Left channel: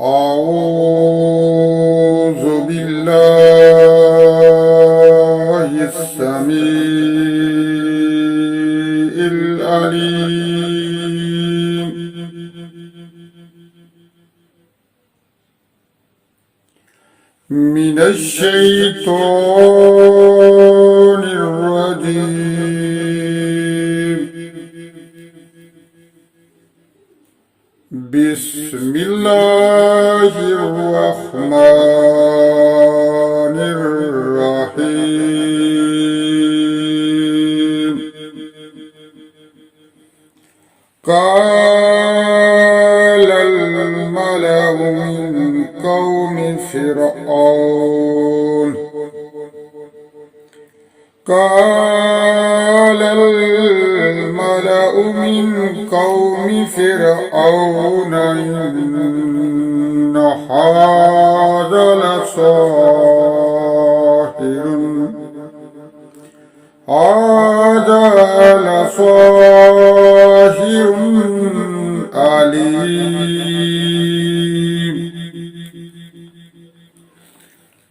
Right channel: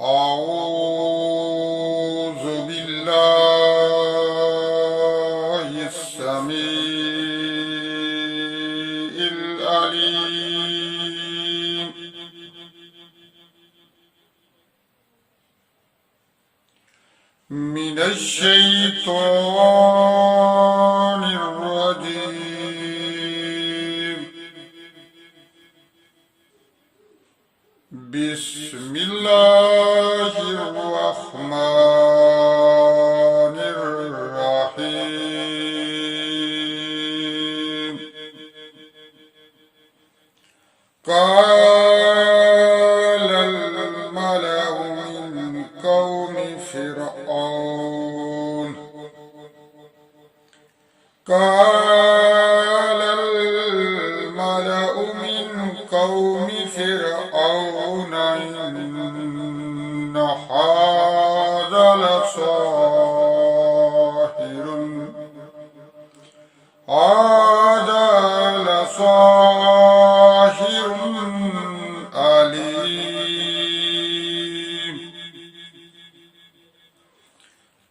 أعوذ بالله السميع العليم من الشيطان الرجيم. بسم الله الرحمن الرحيم. قال الملأ من قوم فرعون قال الملأ من قوم فرعون إن هذا لساحر عليم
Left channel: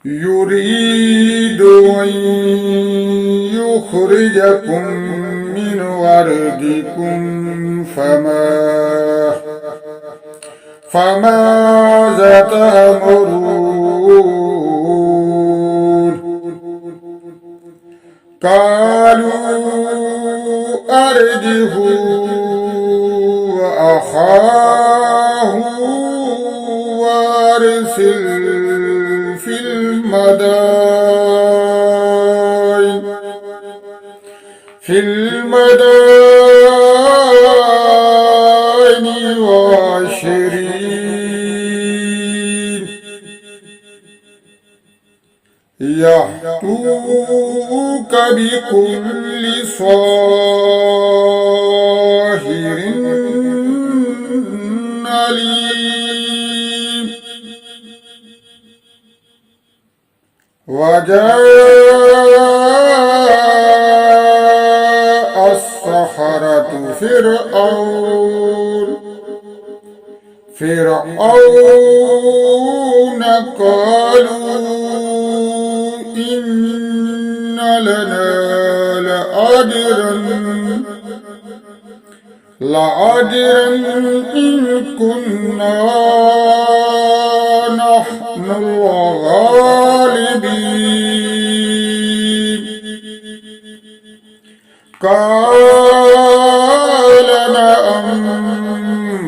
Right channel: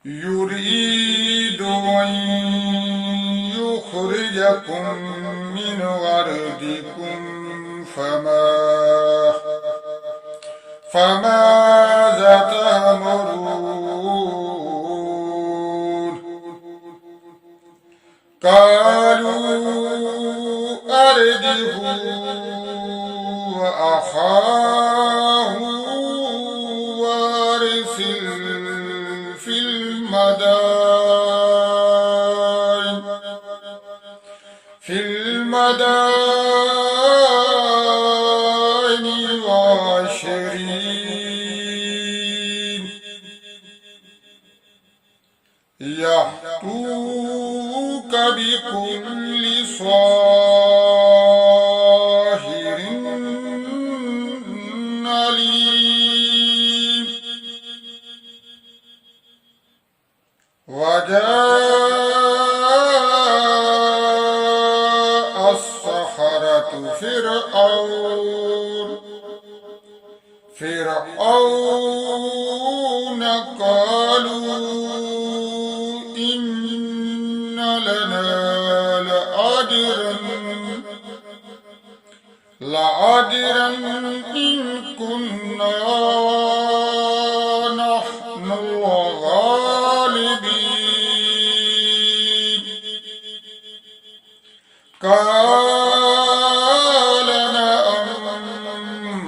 يريد أن يخرجكم من أرضكم فماذا تأمرون؟ قالوا أرجه وأخاه وأرسل في المدائن وعشرين يأتوك بكل ساحر عليم. وجاء السحرة فرعون قالوا إن لنا لأجرا إن كنا نحن الغالبين. قال نعم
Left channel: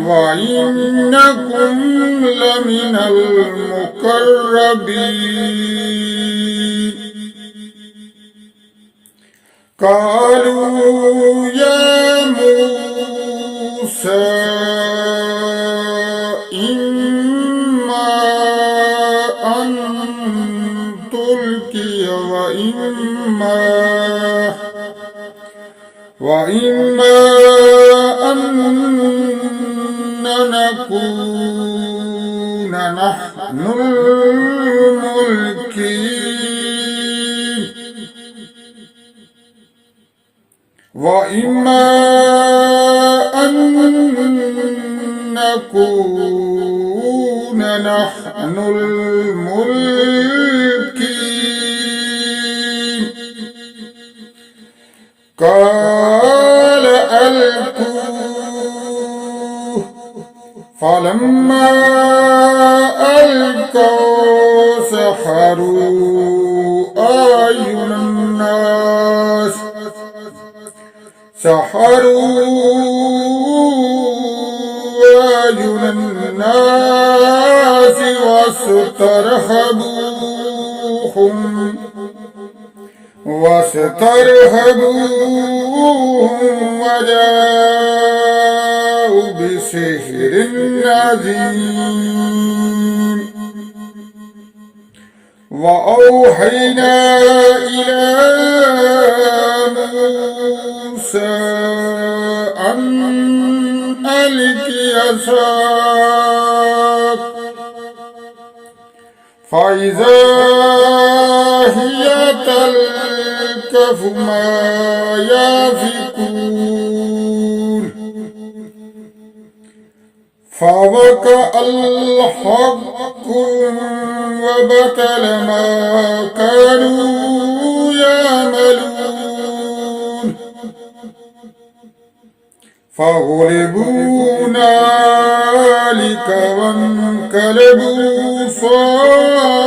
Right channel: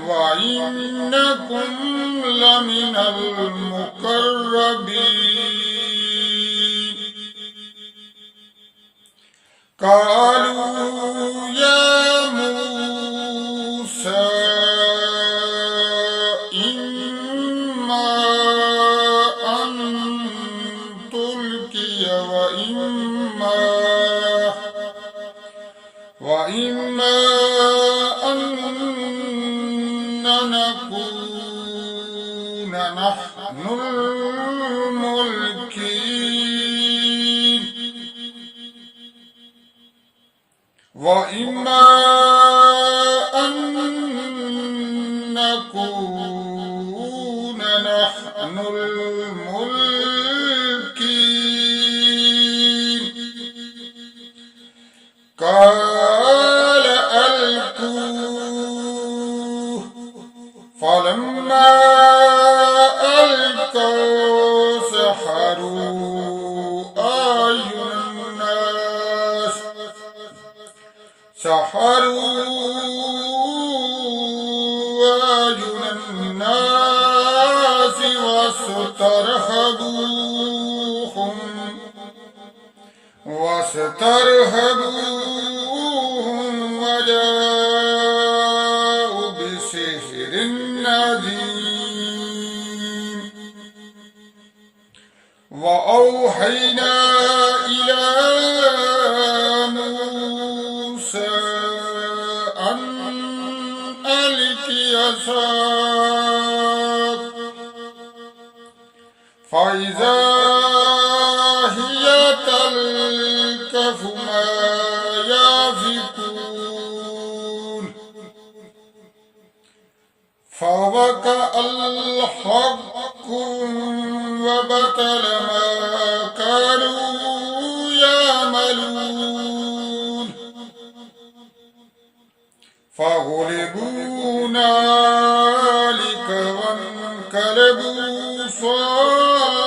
وإنكم لمن المقربين. قالوا يا موسى إما أن تلقي وإما أن نكون نحن الملكين وإما أن نكون نحن الملكين. قال ألقوه فلما ألقوا سحروا أعين الناس واسترهبوهم وجاءوا بسحر عظيم. وأوحينا إلى موسى أن ألق عصاك فإذا هي تلقف ما يأفكون فوقع الحق وبطل ما كانوا يعملون فغلبوا هنالك وانقلبوا صاغرين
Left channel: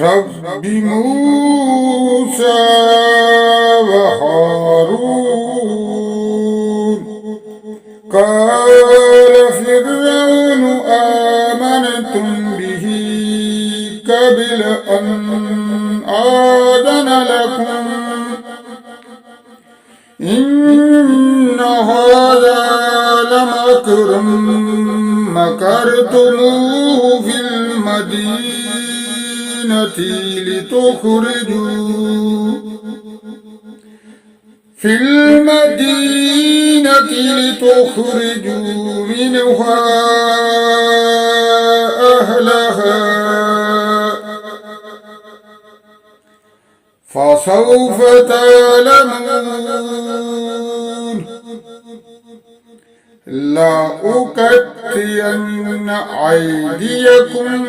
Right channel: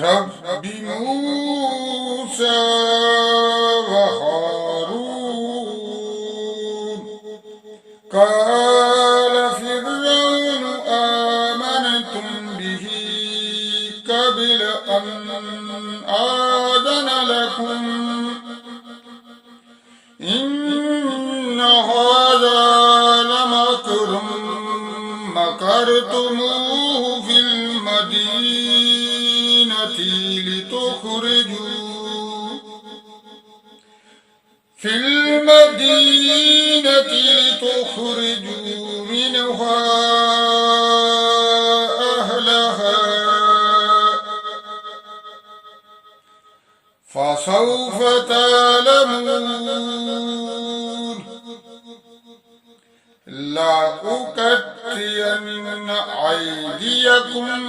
رب موسى وهارون قال فرعون آمنتم به قبل أن آذن لكم إن هذا لمكر مكرتموه في المدينة لتخرجوا منها أهلها فسوف تعلمون لأقطعن أيديكم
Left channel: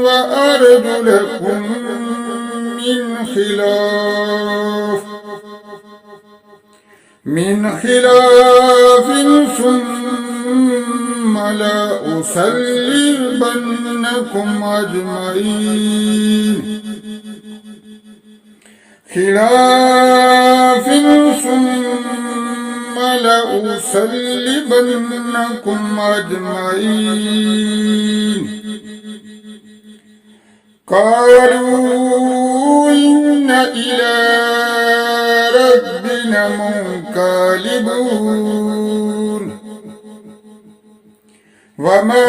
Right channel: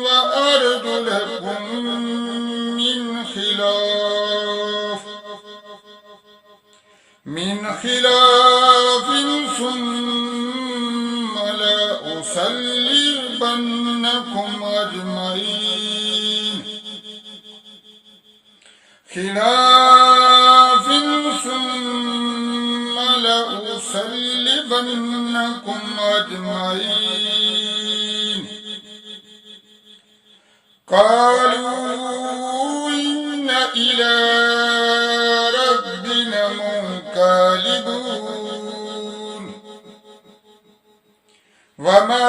وأرجلكم من خلاف ثم لأصلبنكم أجمعين قالوا إن إلى ربنا منقلبون وما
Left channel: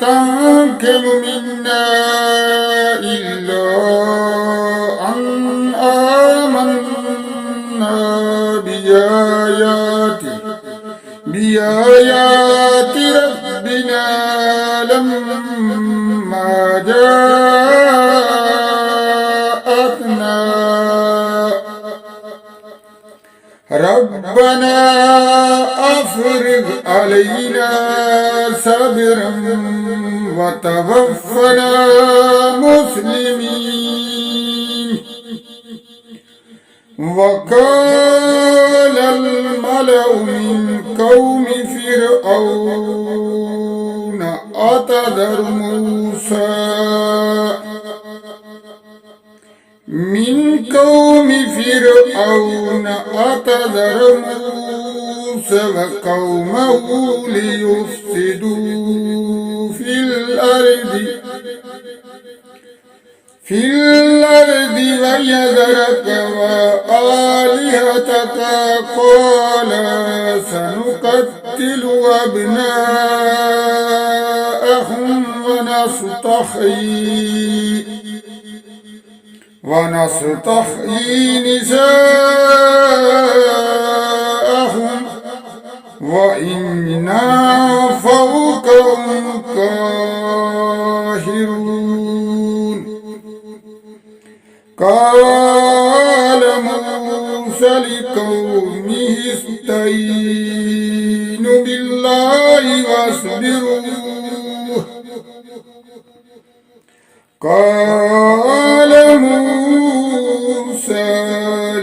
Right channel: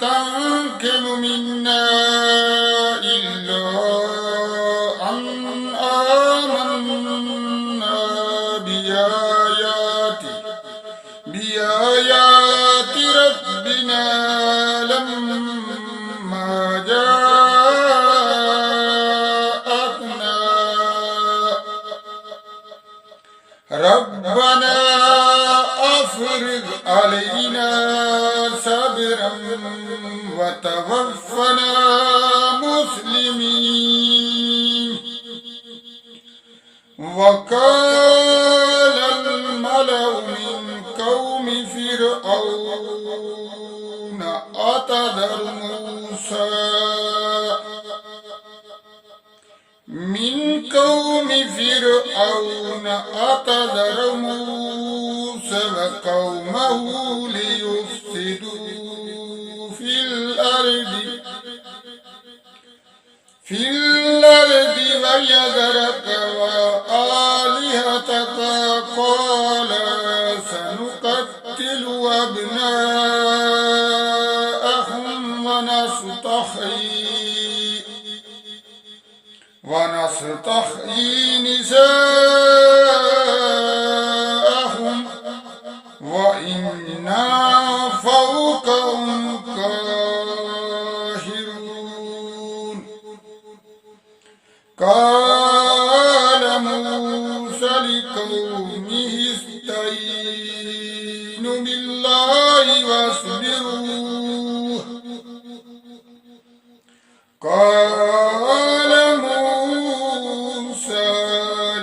تنقم منا إلا أن آمنا بآيات ربنا لما جاءتنا ربنا أفرغ علينا صبرا وتوفنا مسلمين وقال الملأ من قوم فرعون أتذر موسى وقومه ليفسدوا في الأرض ويذرك وآلهتك قال سنقتل أبناءهم ونستحيي نساءهم وإنا فوقهم قاهرون قال موسى لقومه استعينوا بالله واصبروا قال موسى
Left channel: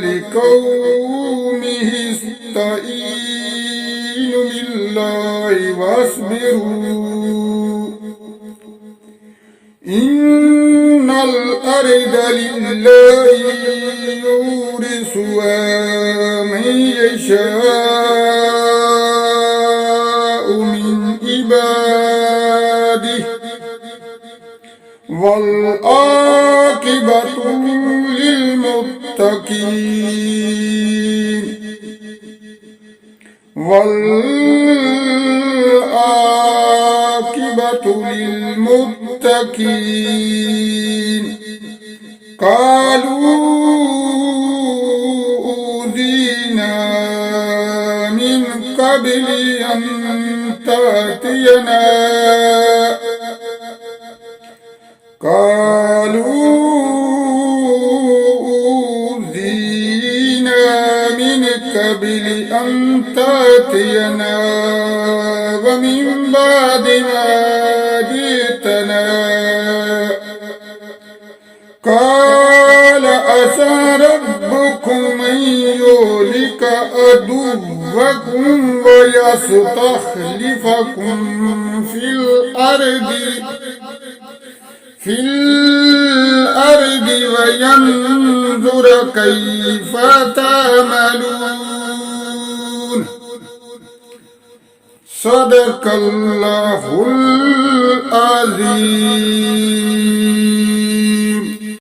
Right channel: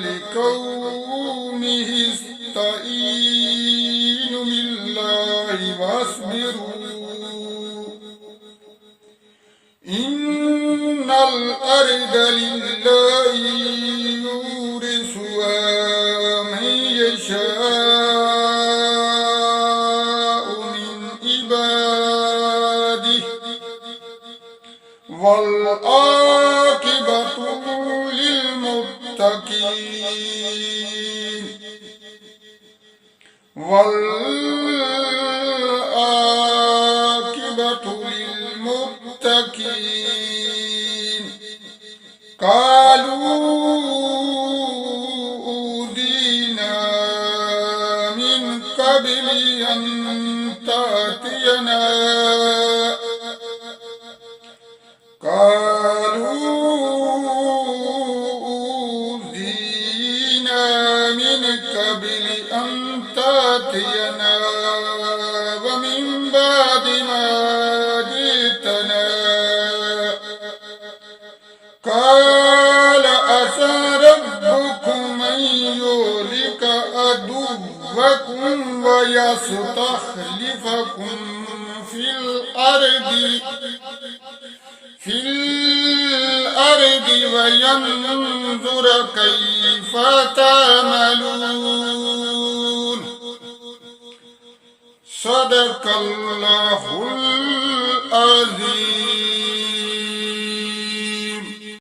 لقومه استعينوا بالله واصبروا إن الأرض لله يورثها من يشاء من عباده والعاقبة للمتقين قالوا أوذينا من قبل أن تأتينا قبل قبل أن تأتينا ومن بعد ما جئتنا قال عسى ربكم أن يهلك عدوكم ويستخلفكم في الأرض وينظر كيف تعملون. صدق الله العظيم.